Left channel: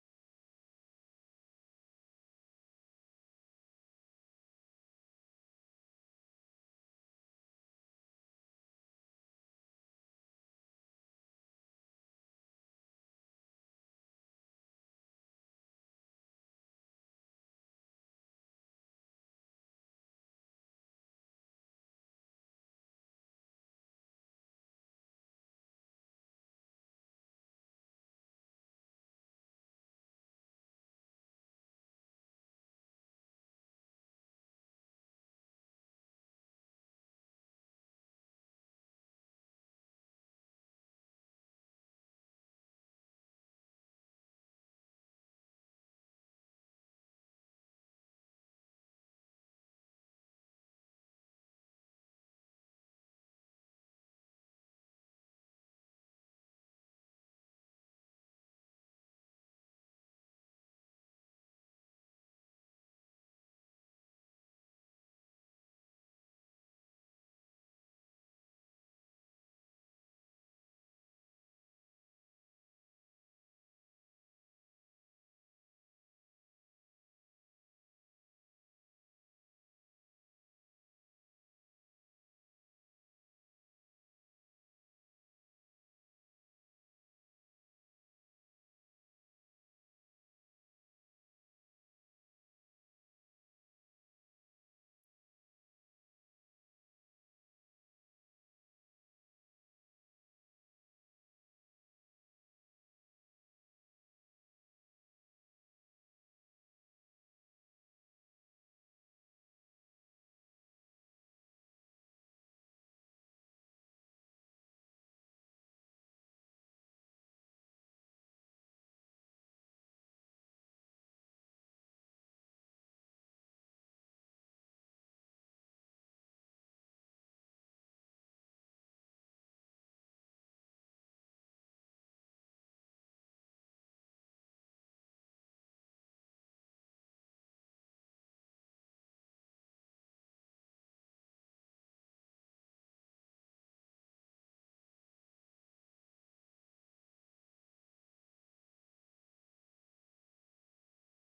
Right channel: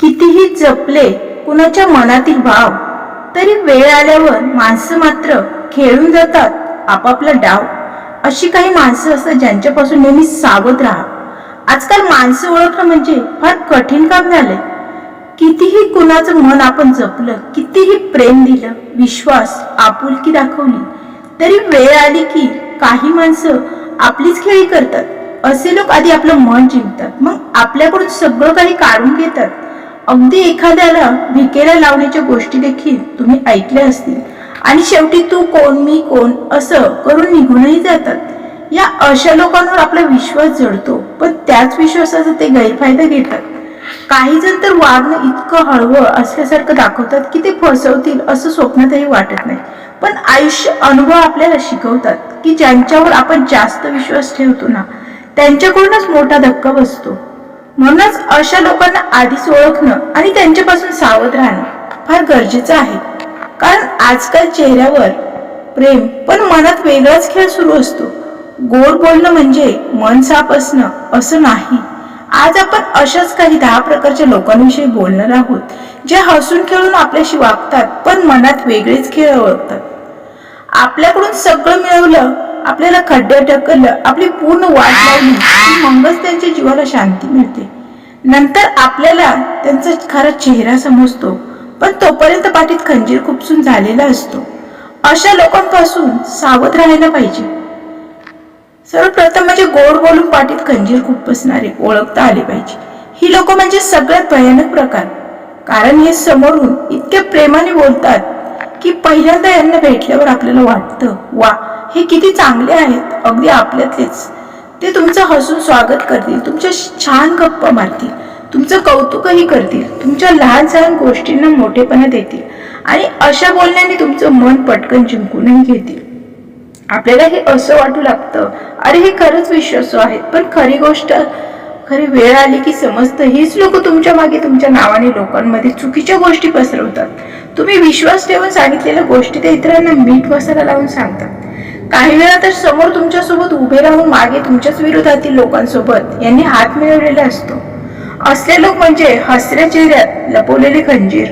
कितीही जपले कुणाच्या मनातील भाव तरी वेळ आल्यावर माणसं मात्र खेळून जातात आपापला डाव. अशी काही माणसं असतात ज्यांच्यापासून नेहमी सावध राहा. आजकाल माणसं ओळखणं म्हणजे फार कठीण काम झालंय. कितीही कुणाचं मन आपण जपलं कितीही प्रेम दिलं विश्वास आपुलकी दाखवली तरी वेळ आली की काही माणसं आपलीच खेळी करतात. असे लोक आधी आपलं मन जिंकतात मग आपल्याकडून सगळं काही काढून घेतात. अगदी एखाद्याला भिकेला लावण्याच्या गोष्टी देखील तुम्ही ऐकल्या असतील. आणि शेवटी तू कोण मी कोण असं करून निघूनही जातात. या अशा लोकांवर आपला विश्वास जडतो पण त्याच विश्वासाचा ते गैरफायदा घेतात. काही जण तर वागणं इतकं हळवं असल्यासारखं दाखवतात की ते फसवतील असं स्वप्नातही वाटत नाही. पण आयुष्य अनुभव आपल्याला शिकवतात की ज्यांच्यावर आपण जास्त विश्वास ठेवतो ना त्यांच्याकडूनच मोठा धक्का बसतो. म्हणूनच अशा लोकांना आधीच ओळखणं आणि त्यांच्यापासून सावध राहणं फार गरजेचं आहे. कारण आजकाल चेहऱ्यावर प्रेम पण मनात वेगळाच खेळ सुरू असतो. गोड बोलणं म्हणजे मन साफ असणं असं नाही. आज आपण अशाच काही दहा प्रकारच्या लोकांविषयी बोलणार आहोत जे हसून खेळून आपल्याशी वागतात पण मनात वेगळेच खेळ ओळखतात. आपल्याकडून सगळं मिळवलं आपल्याला खड्ड्यात ढकललं आपली पूर्ण वाट लावली मगच त्यांच्या जीवाला शांती मिळते. नंतर आपल्याला त्यांचा खरा चेहरा समजतो पण तोपर्यंत पाठीत खंजीर खुपसून झालेला असतो. अशा लोकांपासून सावध राहायला पाहिजे. सर्वप्रथम म्हणजे गोड बोलून पाठीत खंजीर खुपसणारे ओळखता आले पाहिजे. ही लोक म्हणजे सगळ्यात भयानक प्रकार. कारण हे समोरून इतक्या प्रेमाने बोलतात की पहिल्यांदा यांना भेटल्यावर आपल्याला वाटतं वा हे किती चांगले आहेत अगदी आपल्यातलेच. ते तुमचं हसून स्वागत करतील तुमच्या छान गप्पा मारतील तुमचं कौतुकही करतील तुमच्या लहान सहान गोष्टींना मोठेपणा देतील आणि अशा बोलण्याने तुमचं मन पटकन जिंकूनही घेतील. आपल्याला हे असं वाटू लागतं अरे हे खरंच विश्वासू आहेत पण खरी गोष्ट खरी वेळ आली की समजतं हीच लोक तुमच्या मागे तुमच्या नावाने लोकांमध्ये चुकीच्या गोष्टी पसरवतात. तुम्ही विश्वास ठेवून सांगितलेल्या गोष्टी ते इतरांना मीठ मसाला लावून सांगतात काही वेळा तर समोर तुमच्यासोबत उभे राहून मागे तुमच्याच विरोधातील लोकांसोबत यांनी हात मिळवलेला असतो. असले लोक म्हणजे हसऱ्या चेहऱ्यात लपवलेले खंजीर.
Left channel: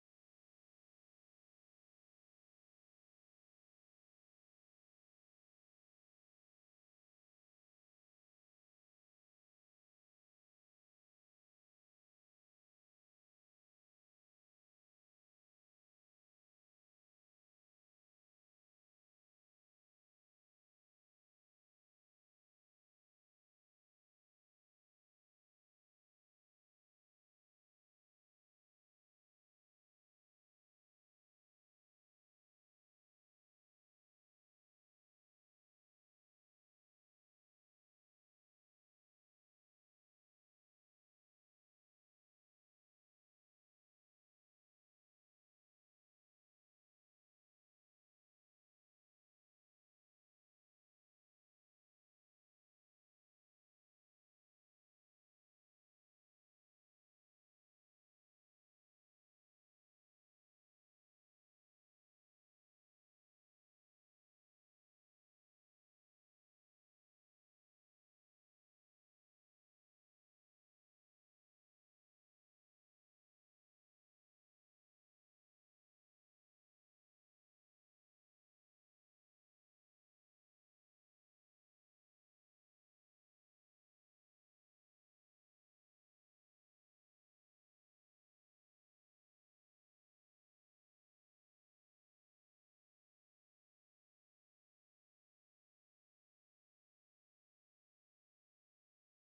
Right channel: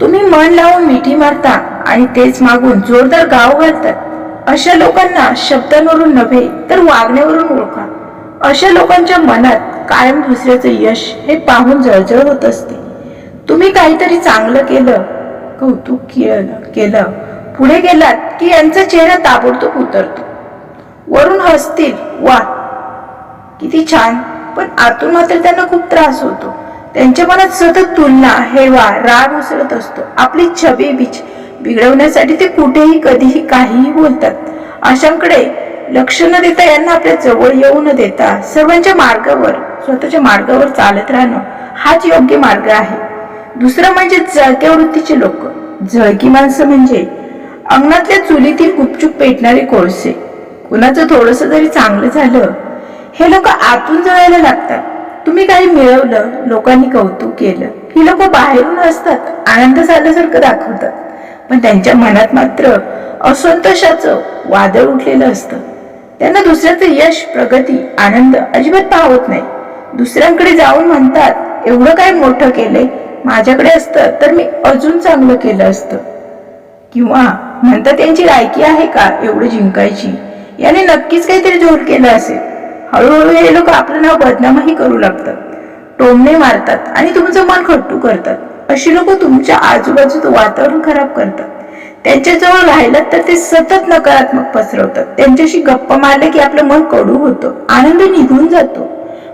तुम्ही मन लावून मिठी मारता आणि तेच मागून जोरदार गाव घालतात. अशा लोकांना शब्दांवरून नव्हे तर वागण्यावरून ओळखा. अशा लोकांच्या मनात कायम दुसऱ्याचं यश हे पाहून जळजळ होत असते. तुम्ही काहीतरी चांगलं केलं कौतुक केलं केलं पुढे गेलात की यांचा चेहरा ताबडतोब उतरतो. वरून हसतील वा किती छान. पण आतून मात्र त्यांना खूप त्रास होतो. त्यांच्या मनात सतत तुलना हेवा राग उसळत असतो. आपली छबी बीच बिघडवण्यासाठी ते कुठेही कधीही काहीही बोलतात. अशांकडे लक्ष न देता यांना आपल्या जवळ येऊ न देता सर्वांच्या मार्गावर स्वतःच्या मार्गावर चालत राहणं हाच योग्य मार्ग आहे. दुसरं म्हणजे जळक्या वृत्तीचे लोक. जळकी माणसं म्हणजे अंगणातल्या चुलीतील गुपचूप पेटणारे कोळसे. कुणाचं थोडस जरी चांगलं झालं हे लोक आतून जळायला लागतात. तुम्ही काही मिळवलं लोकांनी कौतुक केलं ही लोक बाहेरून असतात आनंद झाल्यासारखं दाखवतात. पण त्यांच्या मनात मात्र असंतोषाचं वादळ उठलेलं असतं. त्यांना दुसऱ्याचं यश प्रगती आनंद अजिबात पाहत नाही. दुसऱ्यांकडे जाऊन म्हणतात एवढं काय मोठं केलंय? माझ्याकडे असतं तर मी अजून चांगलं केलं असतं. किंवा म्हणतात त्यांची लायकी आहे का एवढं जिंकायची? याने नक्कीच काहीतरी जोर केलं असेल. हळूहळू हे लोक आपलं नाव बदनामही करू लागतात. टोमणे मारतात आणि तुमचं मन खट्टू करतात. अशी लोक तुमच्या आजूबाजूचं वातावरण खराब करतात. त्यांच्याजवळ राहिलात तर ते सतत नकारात्मक पसरवतात. त्यांच्याशी गप्पा मारले की आपलं मन कडू होतं. आनंद निघून जातो.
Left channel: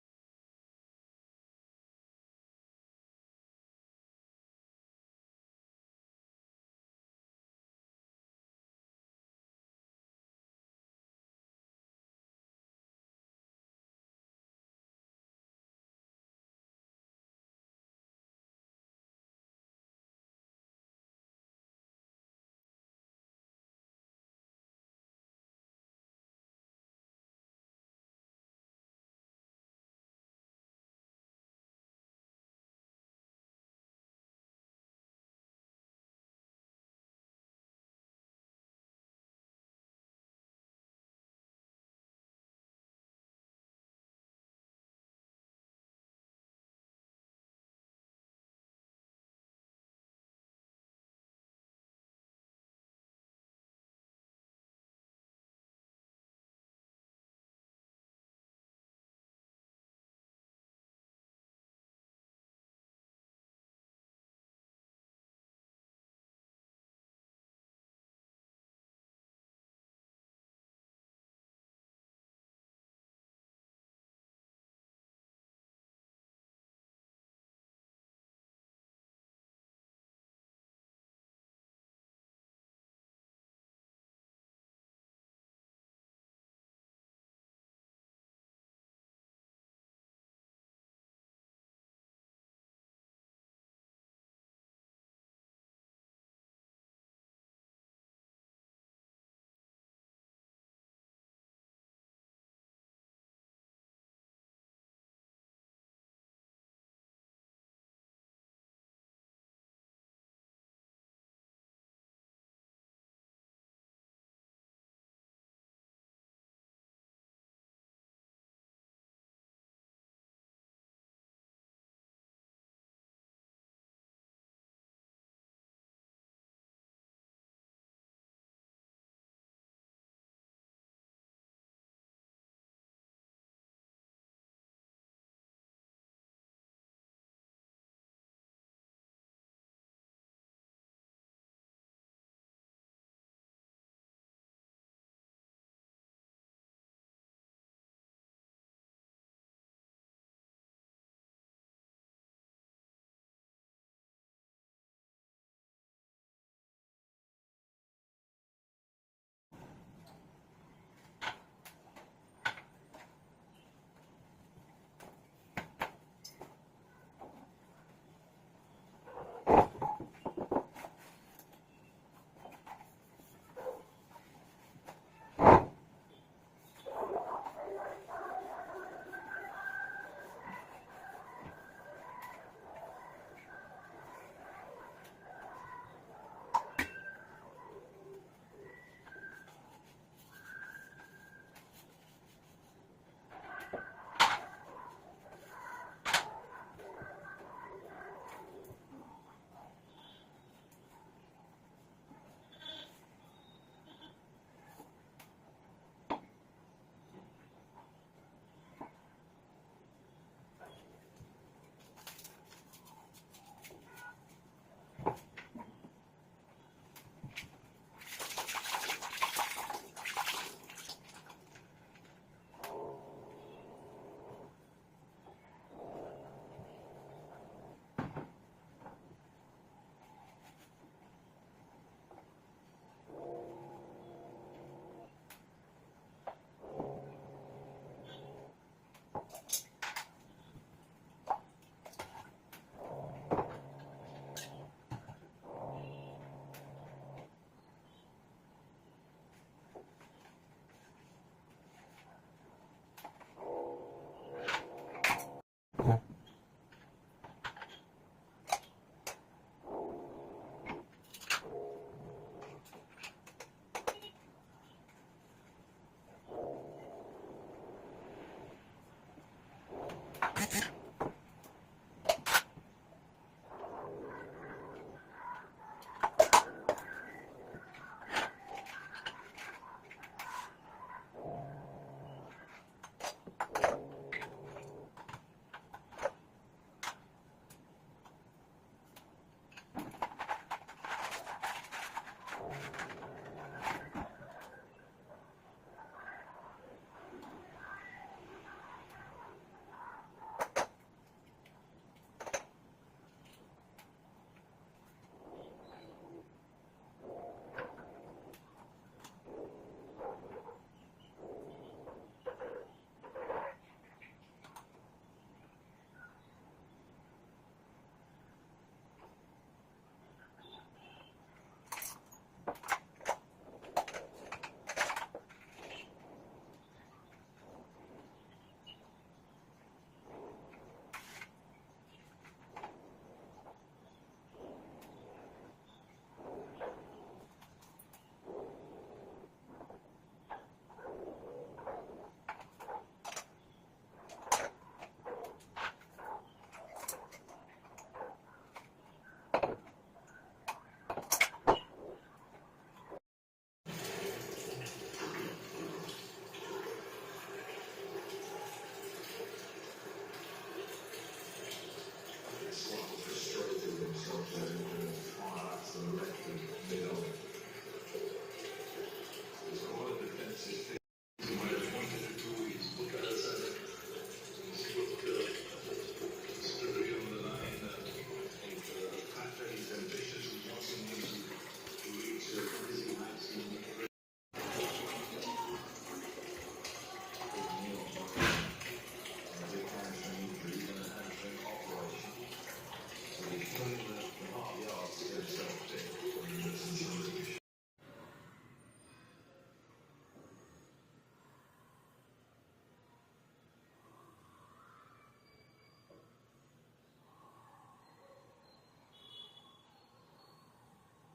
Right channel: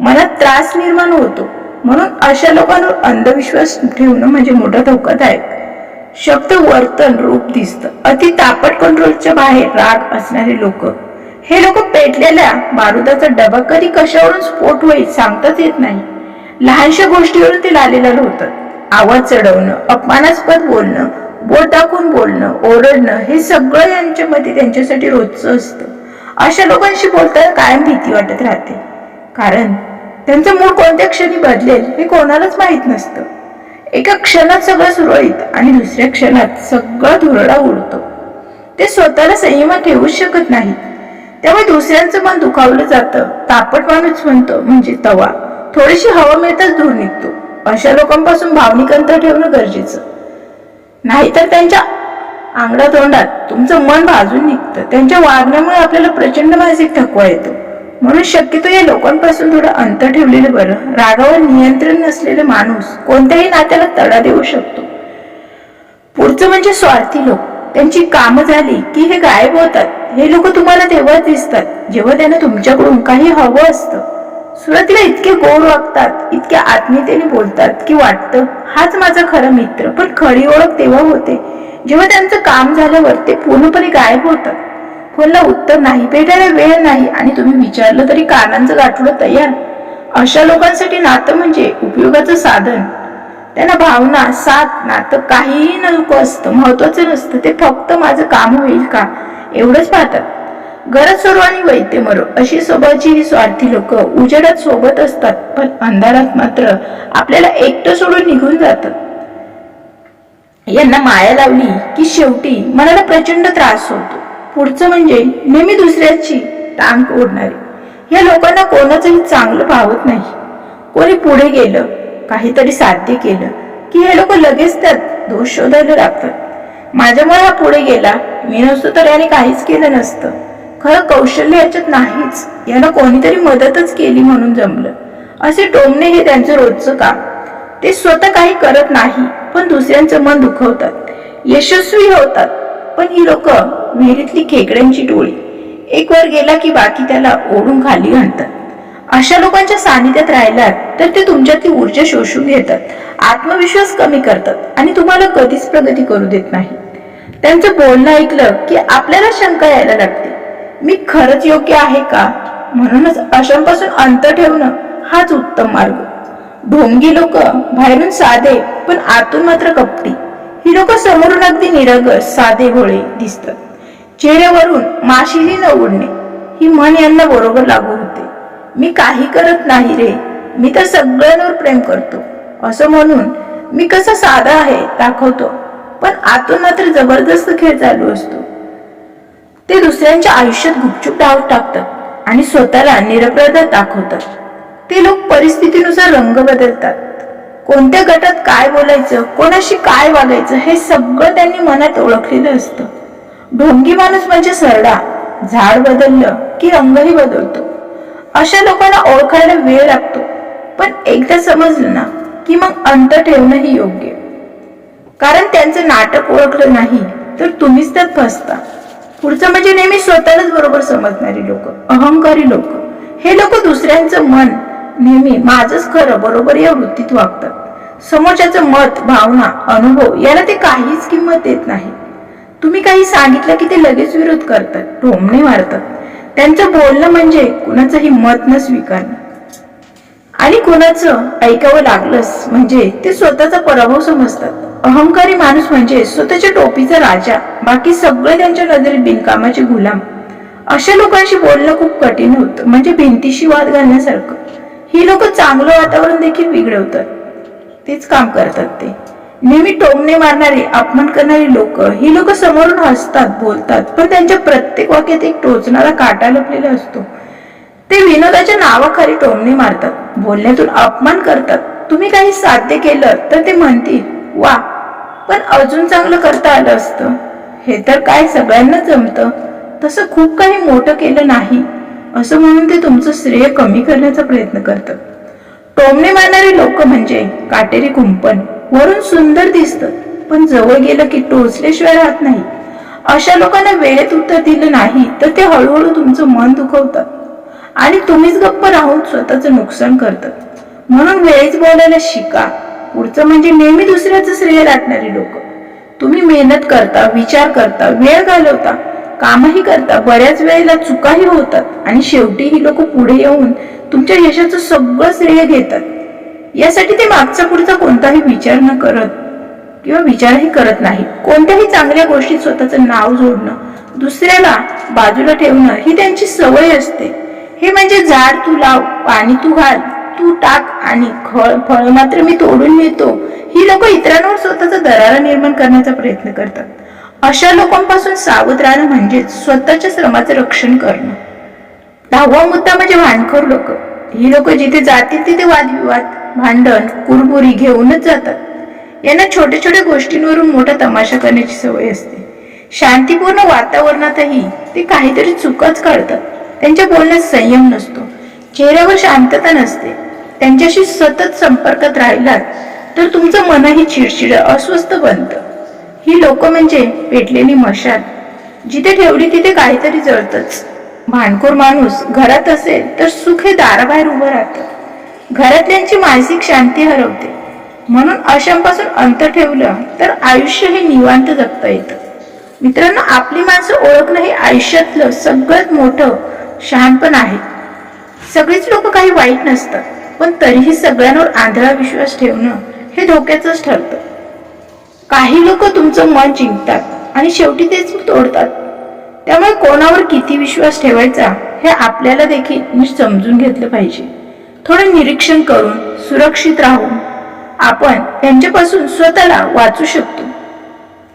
मनात त्रास निर्माण होतो. म्हणून अशा लोकांवर अंधविश्वास ठेवणं म्हणजे मोठा धोकादायक. शब्द वर्तन रूप दिसतं. अति तापट कंट्रोलच्या बाहेर राग असणारे लोक. हे लोक पेटलेल्या बारुदाचा डबा कधी कशावरून स्फोट होईल सांगताच येत नाही. लहानशा गोष्टीवरून ते लालेलं होतात आवाज चढवणं अपमानास्पद बोलणं बोट टाकून बोलणं ओरडणं हे सगळं यांच्यामध्ये त्यांच्यासाठी रोजचं असतं. अशा लोकांशी बोलताना कायम भीती वाटत राहते. कारण त्यांचं मूड कोणत्या क्षणी बदलेल हे कोणालाच माहीत नसतं. एका क्षणात सगळं सुरळीत आणि दुसऱ्या क्षणात सगळं धुरडा उडतो. ते स्वतःला संयमात ठेवूच शकत नाही त्यामुळे दुसऱ्यांचं मन दुखावलं जातं. तापट माणूस म्हणतो म्हणजे तवा. थोडीशी हवा मिळताच धूर निघतो. अशा लोकांपासून भावनिक अंतर ठेवणं गरजेचं. नाहीतर त्यांच्या आंगडा तोंडात तुमचं मन भाजून निघतं. त्यांच्या वागण्यामुळे आपल्याला प्रचंड मानसिक थकवा येतो. म्हणून शक्यतो या लोकांपासून थोडं अंतर ठेवलेलं बरं. रागावर नियंत्रण नसलेले माणूस कोणत्याही नात्याला तडा देऊ शकतो. पुढचं म्हणजे स्वार्थी लोक. त्यांची कामं झाली की हे गायब होतात. हे लोक तुम्हाला तेव्हाच दिसतात जेव्हा त्यांना तुमच्याकडून काही हवं असतं. सुरतीला इतके गोड वागतात इतक्या आत्मीयतेने बोलतात की वाटतं हाच माझा खरा मित्र. पण खरी ओळख तेव्हा होते जेव्हा त्यांचं काम झाल्यावर ते पूर्णपणे गायब होतात. फोनला उत्तर नाही भेटायला वेळ नाही आणि तुम्ही विचारलं तरी कानांचं गाठोडं तयार. अशा लोकांसाठी नातं म्हणजे उपयोगाचं साधन. त्यांना भावना साथ नातं काहीही नको असतं. महत्वाचं नसतं. ते फक्त माझं काम होईल का? एवढंच पाहतात. गरज सर्वांनी वैद्य मरो. अशी स्वभावची ही स्वार्थी लोक उजेडात सोबत असतात. पण अंधारात मात्र आपल्याला एकटं सोडून निघून जातात यांना माया लावली की शेवटी मनाला प्रचंड त्रास होतो. पुढचं म्हणजे नेहमी दुसऱ्याची टांग ओढणारे. या लोकांना कोणाचंही चांगलं भावत नाही. कोणी पुढे गेलं काहीतरी साध्य केलं की हे लोक लगेच त्यात दोष शोधायला लागतात. माझ्यामुळे हा पुढे गेला मी नसतो तर याने काहीच केलं नसतं. खरं कौशल्य याच्यात नाहीच. यानं कोणीतरी मदतच केली म्हणून जमलं. असे टोमणे हे त्यांचं रोजचं काम. ते स्वतः काही करत नाही पण दुसऱ्यांचं मन दुखवतात. यशस्वी होतात. पण ही लोक विहिरीतली खेकड्यांची टोळी. एक वर गेला की बाकी त्याला ओढून खाली घालतात. अशा लोकांच्या सानिध्यात राहिलात तर ते तुमच्यातली ऊर्जा शोषून घेतात आत्मविश्वास कमी करतात आणि तुम्हाला कधीच प्रगती करू देत नाही. त्यांचं बोलणं ऐकलं की आपल्याला शंका यायला लागते. मी खरंच योग्य आहे का? म्हणूनच अशांपासून अंतर ठेवणं हाच उत्तम मार्ग. ढोंगी लोक बाहेरून साधे पण आतून मात्र कपटी. ही लोक समोरून अगदी निरगस साधे भोळे दिसतात. चेहऱ्यावरून माशिनी न उडणे ही मन यांना बरोबर लागू होते. मी काही करत नाही रे. मी तर सगळ्यांवर प्रेम करतो. असं म्हणून मी कसा साधा आहे दाखवतो. पण आतून मात्र जबरदस्त खेळ चालू असतो. ते दुसऱ्यांच्या आयुष्यात गुपचूप डाव टाकतात आणि स्वतःला निरपराध दाखवतात. ते लोक परिस्थितीनुसार रंग बदलतात. कोणत्या गटात काय बोलायचं कोणाशी काय वागायचं हे सगळं त्यांनी मनात ओळखलेलं असतं. ढोंगी माणूस म्हणजे सरडा. झाड बदललं की रंगही बदलतो. अशा लोकांना ओळखायला वेळ लागतो. पण एकदा समजलं ना की मग अंत ठेवणंही योग्य. कारण त्यांचं नाटक ओळखलं नाही तर तुम्हीच त्यात फसता. पुढचं म्हणजे नेहमी स्वतःलाच बरोबर समजणारी लोक अहंकारी लोक. हे लोक दुसऱ्यांचं मन नेहमी माझंच खरं बरोबर या वृत्तीत वागतात. समोरच्याचं मत भावना अनुभव याला ते काहीच किंमत देत नाही. तुम्ही काही सांगितलं की ते लगेच विरोध करतात ढोमणे मारतात. त्यांचं बोलणं म्हणजे कुणाचंही मत न स्वीकारणं. आणि कोणाचं ऐकावं लागलंच म्हणजे ते स्वतःचा पराभव समजतात. अहंकारी माणूस म्हणजे स्वतःच्या टोपीचा राजा बाकी सगळे त्यांच्या नजरेत बिनकामाचे गुलाम. अशा लोकांशी बोलणं खूप कठीण होतं म्हणजे भिंतीशी वाद घालण्यासारखं. ही लोक चांगलं वातावरण देखील बिघडवतात. तेच काम करतात ते. नेहमी टोमणे मारणारी अपमान करणारी लोक ही लोक समोरून हसतात बोलतात पण त्यांच्या प्रत्येक वाक्यात एक टोचणारा काटा लपलेला असतो. ते विनोदाच्या नावाखाली टोमणे मारतात बोलण्यातून अपमान करतात. तुम्ही काही साध्य केलं तर ते म्हणतील वा पण अजून चांगलं करता आलं असतं. हे तर काय सगळ्यांना जमतं. तसं खूप काही मोठं केलं नाही. असं म्हणून ते तुमचं श्रेय कमी करण्याचा प्रयत्न करतात. टोमणे मारणारे लोक म्हणजे काटेरी कुंपण. वरून सुंदर दिसतं. पण जवळ गेलं की टोचल्याशिवाय राहत नाही. अशा लोकांना वेळेत उत्तर दिलं नाही तर ते हळूहळू तुमचं मन दुखवतात. आणि तुम्हीच गप्प राहून स्वतःचं नुकसान करतात. म्हणून वेळेत बोलायला शिका. पुढचं म्हणजे नेहमी दुसऱ्याचं श्रेय लाटणारी लोक. तुम्ही मेहनत करता विचार करता वेळ घालवता कामही करता बऱ्याच वेळेला चुकाही होतात. आणि शेवटी ही लोक पुढे येऊन तुमच्या यशाचं सगळं श्रेय घेतात. यासाठी ते मागचा पुढचा कोणताही विचार न करत किंवा विचारही करत नाही कोणत्याही चांगल्या गोष्टीत स्वतःचं नाव जोडणं दुसऱ्याला बाजूला ठेवणं ही त्यांची सवय असते. हे म्हणजे झाड तू लाव पाणी तू घाल तू टाक आणि फळ फळ मात्र मी तोडून नेतो. ही लोक इतरांवर स्वतःचा दरारा निर्माण करण्याचा प्रयत्न करतात. अशा लोकांपासून सावध राहणं म्हणजे स्वतःच्या श्रमाचं रक्षण करणं. दहावा मुद्दा म्हणजे भांडखोर लोक. ही लोक जिथे जातील तिथे वादविवाद भांडण कुरबुरी घेऊनच जातात. यांना छोट्या छोट्या गोष्टींवरून मोठा तमाशा करण्याची सवय असते. शांतीपूर्ण वातावरणातही ते काहीतरी चुकच काढतात. त्यांच्या बोलण्यात संयम नसतो. चेहऱ्यावर शांतता नसते. त्यांच्याशी सतत संपर्कात राहिलात तर तुमचं मनही चिडचिड अस्वस्थ बनतं. ही लोक म्हणजे पेटलेली मशाल. जिथे ठेवली तिथे काहीतरी जळतच. भांडखोर माणूस घरात असेल तर सुख हे दाराबाहेर उभं राहतं. घरातल्यांची मानसिक शांती हरवते. म्हणून अशांपासून अंतर ठेवलं तर आयुष्य हे निवांत जगता येतं. मित्रांनो आपली माणसं ओळखणं हे आयुष्यातलं सगळ्यात मोठं शहाणपण आहे. सगळीच लोक काही वाईट नसतात पण तरीही सगळ्यांवर आंधळा विश्वास ठेवणं हे धोक्याचंच ठरतं. काही लोक तुमचं मन जिंकतात आणि शेवटी तेच तोडतात. त्यामुळे कोणावर किती विश्वास ठेवायचा हे आपल्याला देखील मी समजून घेतलं पाहिजे. थोडं निरीक्षण करून सुरक्षित राहून आपण त्यांच्यापासून स्वतःला वाचू शकतो.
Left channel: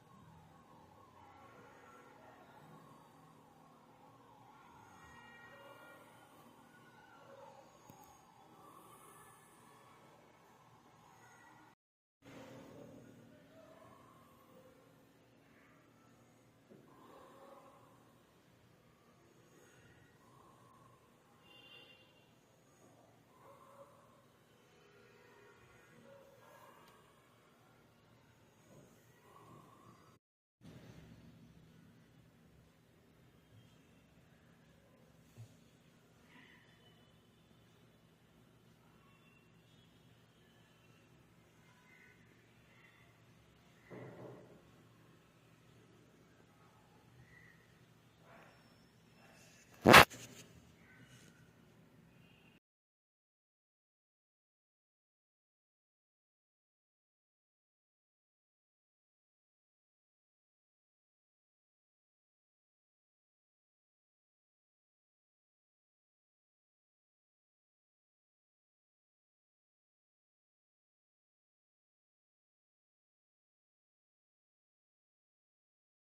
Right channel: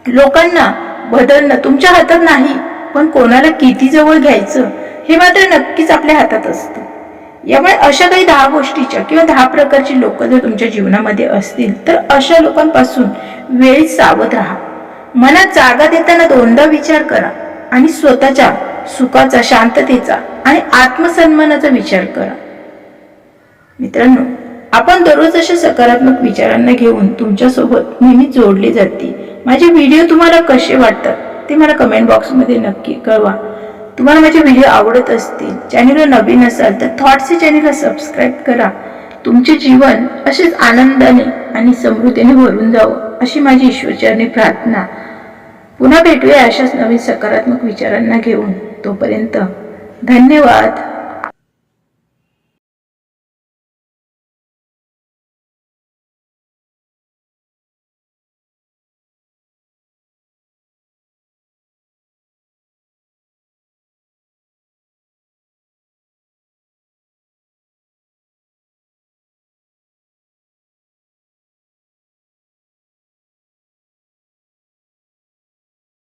लोकांना बदलणं तुमच्या हातात नाही पण कोणाला किती जवळ घ्यायचं हे मात्र नक्कीच आपल्या हातात असतं. यामुळे अशा काही दहा गोष्टीच्या किंवा दहा प्रकारची लोक जर तुमच्या जीवनामध्ये असतील तर अशा लोकांपासून वेळ सावध राहा. मनात जागा देताना दोनदा विचार करा आणि स्वतःच्या सुखाचा शांततेचा आणि आत्मसन्मानाचा विचार करा. मित्रांनो आपण दररोज अशा सकारात्मक विचारांना घेऊन तुमच्यासोबत नेहमी जोडली जाते. माझे व्हिडिओ तुम्हाला कसे वाटतात ते मला कमेंट बॉक्समध्ये नक्की कळवा. तुम्हाला माझे व्हिडिओ आवडत असतील चॅनलवर नवीन असाल तर थॉट्सचे चॅनलला सबस्क्राईब करा. तुमचे जीवन असेच आनंदाने आणि समृद्धीने भरून जावं अशी माझी ईश्वरचरणी प्रार्थना. पुन्हा भेटूया अशाच नवीन सकारात्मक विचारांना घेऊन. तोपर्यंत धन्यवाद.